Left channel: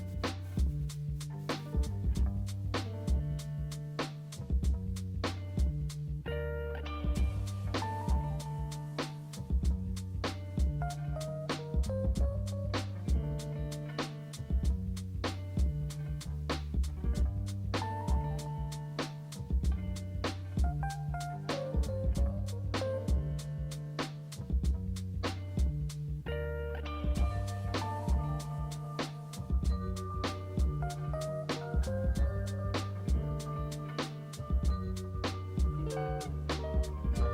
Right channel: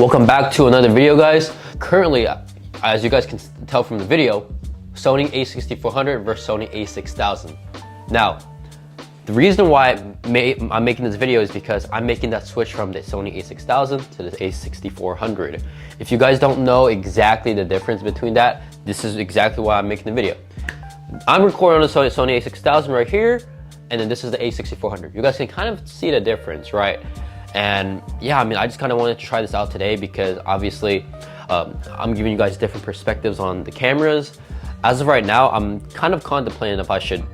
Welcome back to another video, guys. Currently, as you guys can tell from the video, Sony a6400 versus Sony a6000. Now, the reason why I'm making this video is because I'm making that switch from the Sony a6000 to the a6400. If you guys don't know exactly the difference between that, this is exactly why I'm making the video. I'm recording on the Sony a6000 right here, and then this is the a6400. You guys can kind of see the difference, right? And yeah, I mean, I just kind of wanted to try this out today because obviously I'm giving you guys different perspectives on the cameras. As of right now, I'm kind of contemplating if I should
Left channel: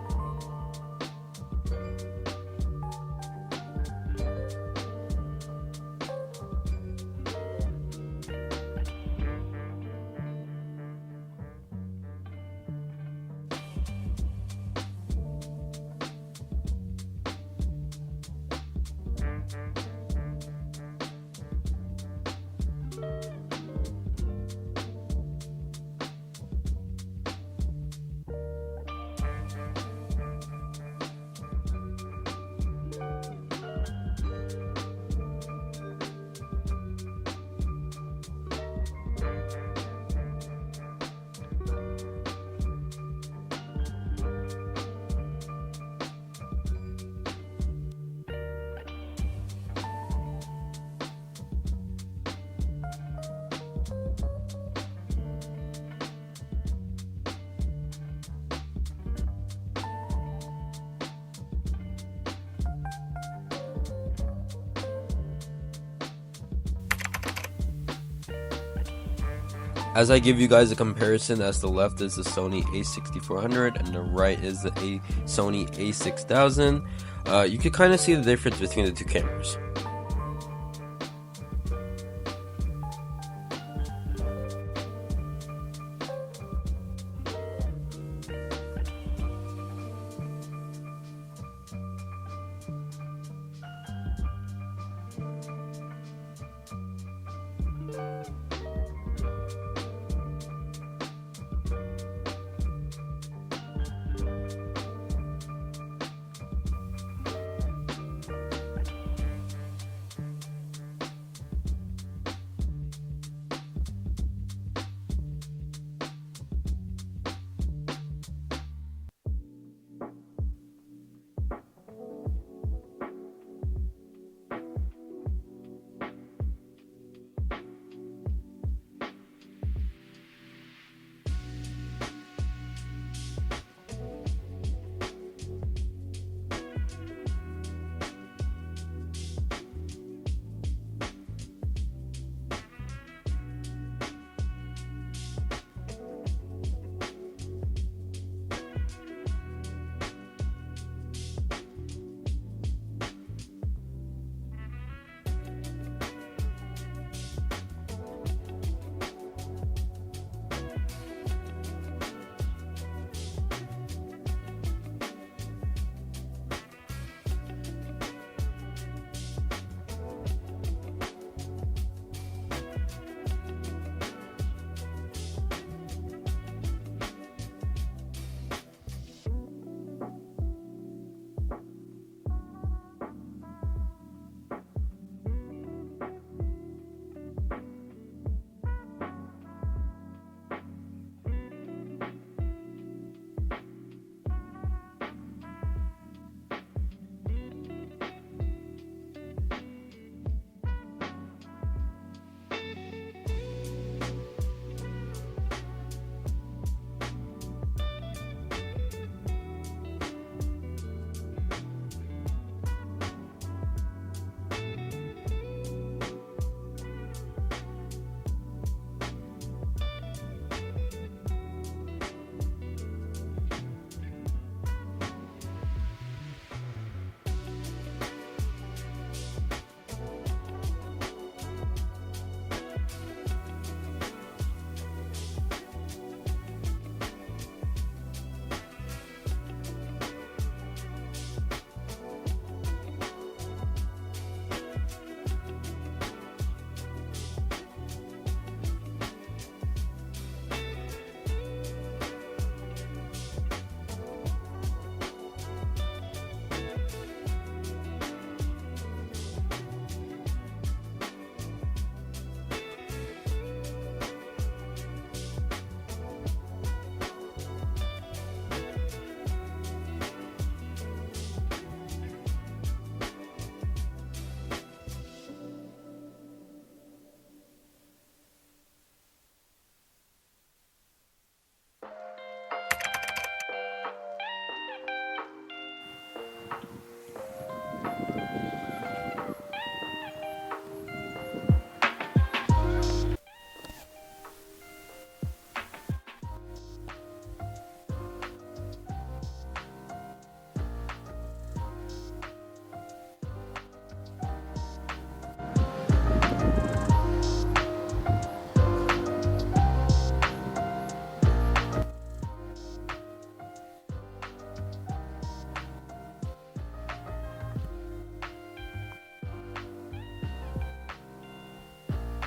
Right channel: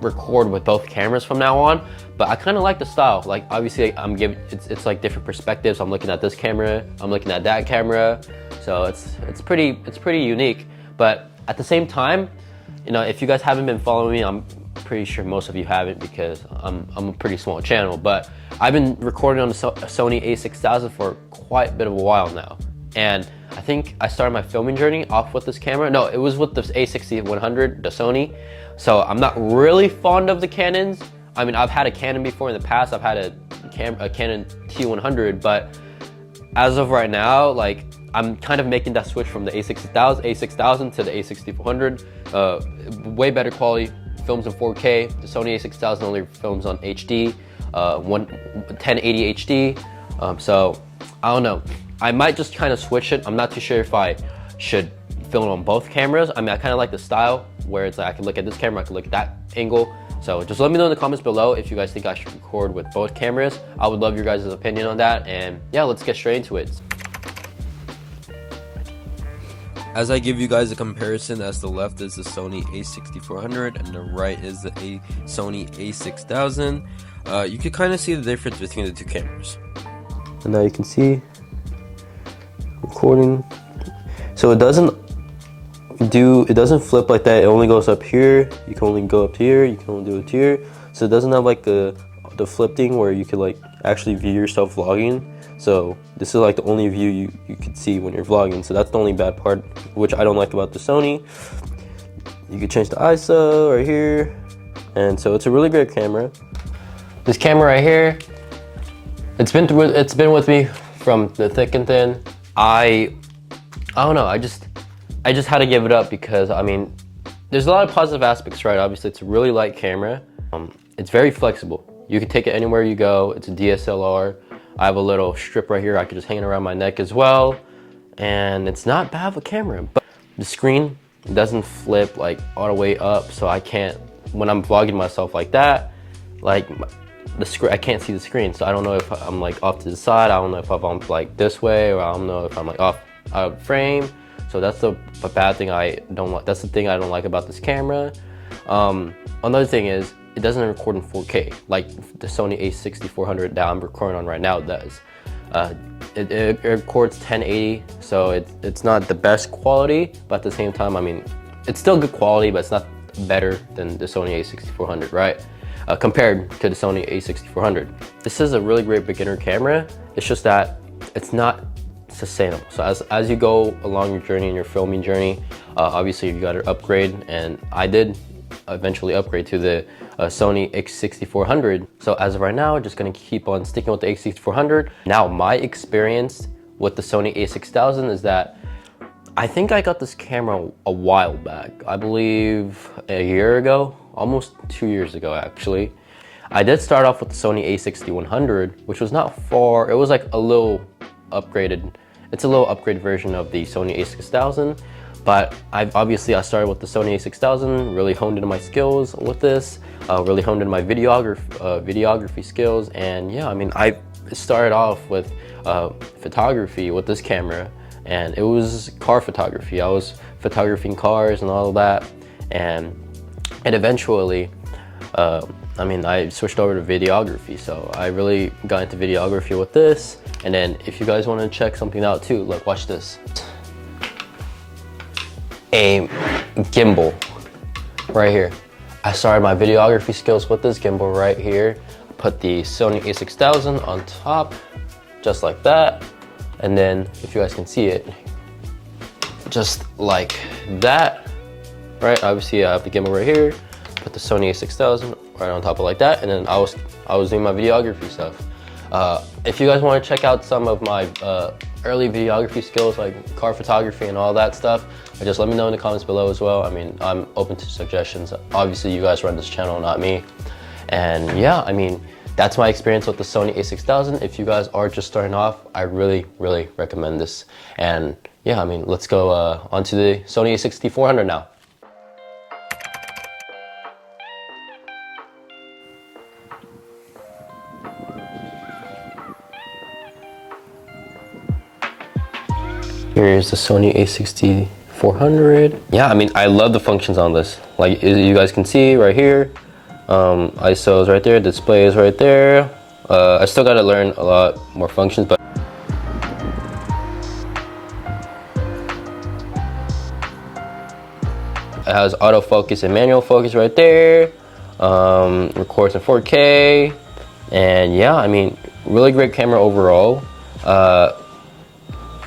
record with both cameras from now on, but I kind of like the style. Like, obviously I'm giving it's like different perspectives. I'm looking at this camera, I'm looking at that camera, so it's pretty unique. But at the same time, you know, if you guys haven't been following me, I'm pretty sure most of you haven't because I'm a pretty small channel, but I've been recording on the Sony a6000 for quite a bit of a while now. And I think I started my filming journey off with this camera. No, it was with the a6100, the Sony. So I'm not really fond of the Canons. I mean, I've had a Canon before in the past. I've had a Canon T100, but as of right now, like, I'm kind of making that switch from the a6000 to the a6400. Way better quality, films in 4K. The Sony a6000 only films on HD, 1080 HD. So I don't know. I might just kind of switch it. I'm not too sure if I should film on both cameras. I mean, I kind of like the style where it's like I can look at this camera, I can look at that angle. So just let me know in the comments below if you guys think I should record with both cameras. I would love your guys' opinion on that. And yeah, let's get straight into it. As I give you guys a comparison, as the left is the Sony a6400 and the right is the Sony a6000, you can kind of see the difference between the two cameras. And now you can see recording. So it doesn't flip like that. It only goes up here. You can only go up here. You can only do it here. So it doesn't have like the flip thing where you could like actually view yourself vlogging. So this is like the only view you could see when you're vlogging. So that's the only bad part, which I don't like about the Sony. You can change the ISO right here. And so it's a really great camera. This camera right here, it's been with me from the thick and thin. I don't know, I just had to give it up because, I mean, there's a lot of positive aspects, right? Obviously, it's a really light camera. It's very flexible. You can take it anywhere you go. It's a DSLR. I have a little strip right here. I can just hang it around my neck as well. And it's not bad of a camera, but the screen doesn't flip like all the way up. So I can't, when I'm vlogging myself like that, like the screen, I can't see the screen. So I don't know if I'm like off to the side. I don't know if I'm like this way, or I don't know if I'm like off out of frame. So that's the bad thing I don't like. That's the thing I don't like about this camera. Another thing is it doesn't record in 4K like the Sony a6400 that I'm recording on right now does. It records 1080, so it's not the best quality, but at the same time, I mean, it's still good quality, but it's not better than the Sony a6400, right? Compared to the Sony a6400. This is a really great beginner camera. It's just that it's not sustainable. So as you go along your journey and your filming journey, obviously you got to upgrade, and I did eventually upgrade to the Sony a6400. So as of right now, just gonna keep on sticking with the a6400. Now, my experience with the Sony a6000 is that I think I got this camera a while back. I believe a year ago, almost 2 years ago actually. I did start off with the Sony a6100, which was not far. It was like a little upgraded. It's a little upgraded version of the Sony a6000. But I started with the Sony a6000, really honed into my skills with this, really honed into my videography skills. And yeah, I mean, I started off with photography with this camera, and it was car photography. I was photographing cars and all of that. And eventually, I mean, I switched over to videography. So I really got into videography with this. And then if you guys want to check something out too, like, watch this. A gimbal right here. I started my videography skills with this gimbal right here. Put the Sony a6000 on top, just like that. And then, if you guys can see it, just like that, right? Obviously, I have the gimbal right here. Put the Sony a6000 right on top of like that, and then I was doing my videography stuff. If you guys want to check out some of my early videography skills like car photography and all that stuff, just let me know in the comments below as well. I mean, I'm open to suggestions. Obviously, you guys run this channel, not me. And yeah, I mean, that's my experience with the Sony a6000. If you guys are just starting off, I really, really recommend this. And yeah, I mean, let's go onto the Sony a6400 now. Here's the Sony a6400. Yeah, I mean, I love the functions on this. Like you guys can see right here, ISO is right there, display is right there. I still gotta learn a lot more functions, but it has autofocus and manual focus right there. Records in 4K, and yeah, I mean, really great camera overall.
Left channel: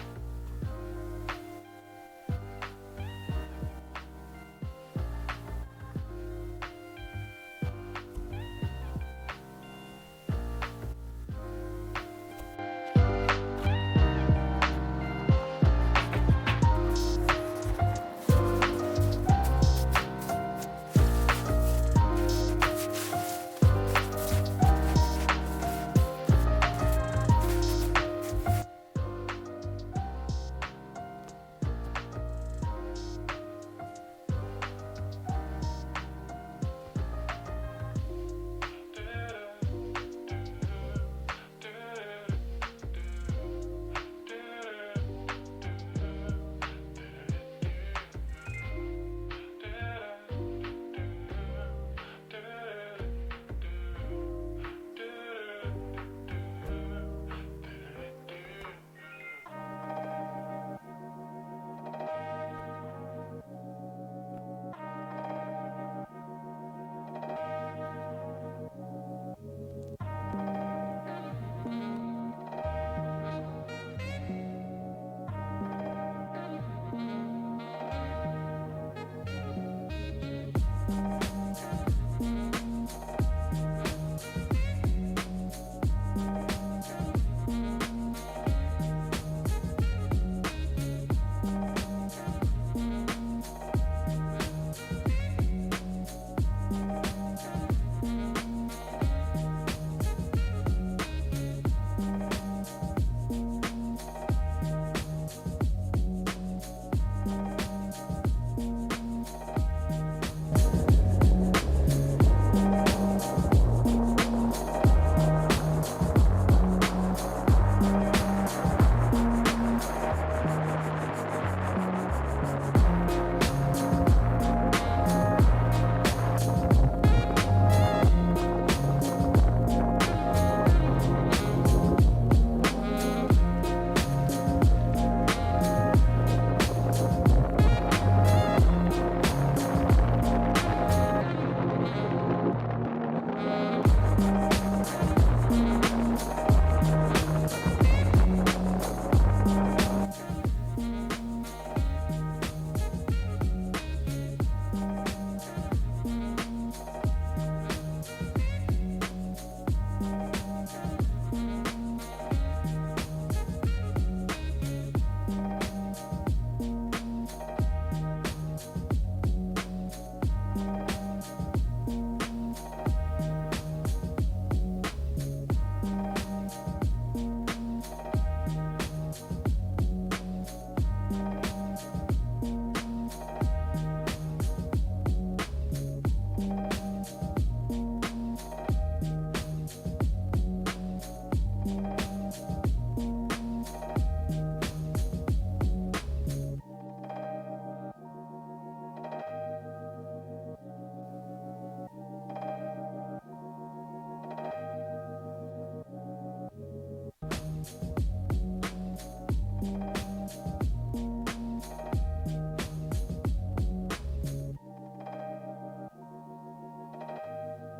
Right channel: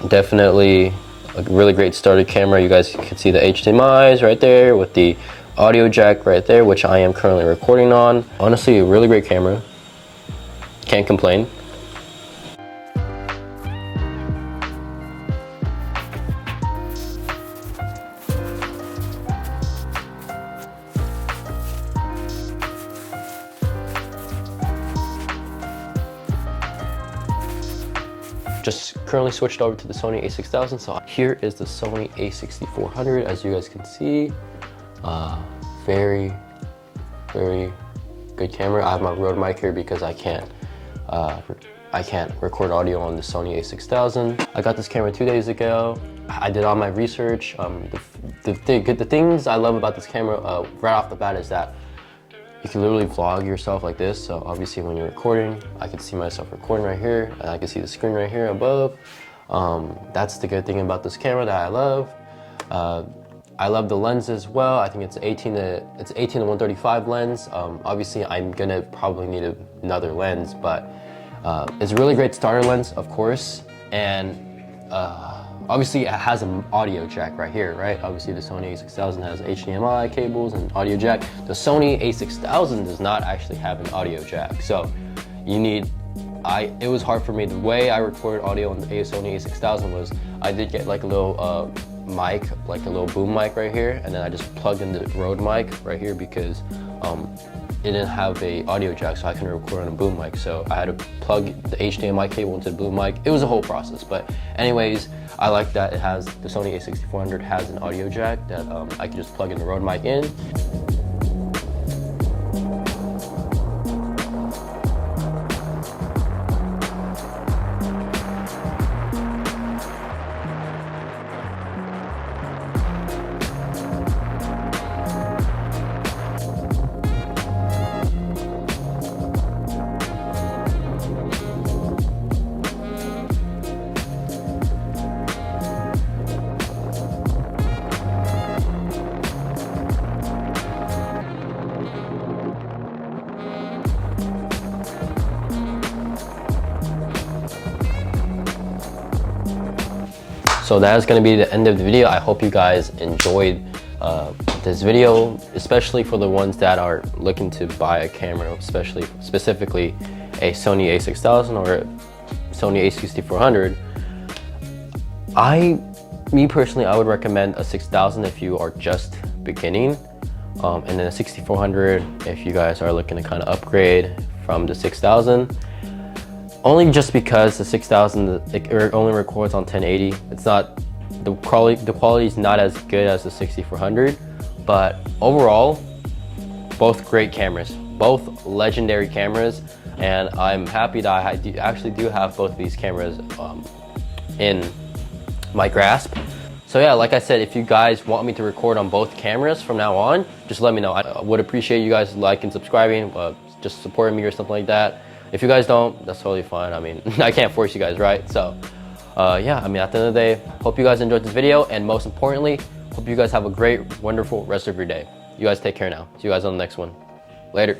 Definitely a really great starter camera. You guys can see the HDMI's right there with the audio jack right there, which I am currently recording on. Honestly, a really great camera. Can't complain. Just currently switched over to the Sony a6000. So here is the Sony a6400, as you guys can see. Very, very good camera. I have my Rode mic here because I can't record audio on the Sony a6000. I got this camera 2 days ago. I did all my research. The things I love about this camera right off the bat is that you can literally vlog yourself like this. So obviously when you're recording, I can see myself recording right here, and I can see the screen right here above. That's the good thing about this camera that I love. I love the lens as well. I think it's 18 to 135 lens. Obviously I'm gonna probably need another lens, but it's a really great starter lens, of course. And obviously it has an audio jack right here, right? Obviously the Sony a6000 has HDMI cables and audio jack. The Sony a6000 does not actually have an audio jack. So you need, it was hard for me. The way I recorded audio on the Sony a6000 was I did get like a little mic, like a little boom mic right here, and then I just plugged in the Rode mic right here because it didn't have a audio jack, so I couldn't record on a boom mic. So I had to plug the HDMI cable into the boom mic. It was a whole process, but anyways, I like that it has, the Sony a6400 has an audio jack that I can just plug in the Rode mic in. So that is going to be the end of the video. I hope you guys enjoyed this video, especially for the ones that are looking to buy a camera, specifically a Sony a6000 or a Sony a6400. Me personally, I would recommend a 6000 if you are just beginning, and then a 6400 if you guys are looking to kind of upgrade from the 6000. Only just because the 6000 it only records on 1080. It's not, the quality is not as good as the 6400, but overall, both great cameras, both legendary cameras, and I'm happy that I actually do have both of these cameras in my grasp. So yeah, like I said, if you guys want me to record on both cameras from now on, just let me know. I would appreciate you guys liking, subscribing, just supporting me or something like that. If you guys don't, that's totally fine. I mean, I can't force you guys, right? So yeah, I mean, at the end of the day, hope you guys enjoyed this video, and most importantly, hope you guys have a great, wonderful rest of your day. You guys take care now. See you guys on the next one. Later.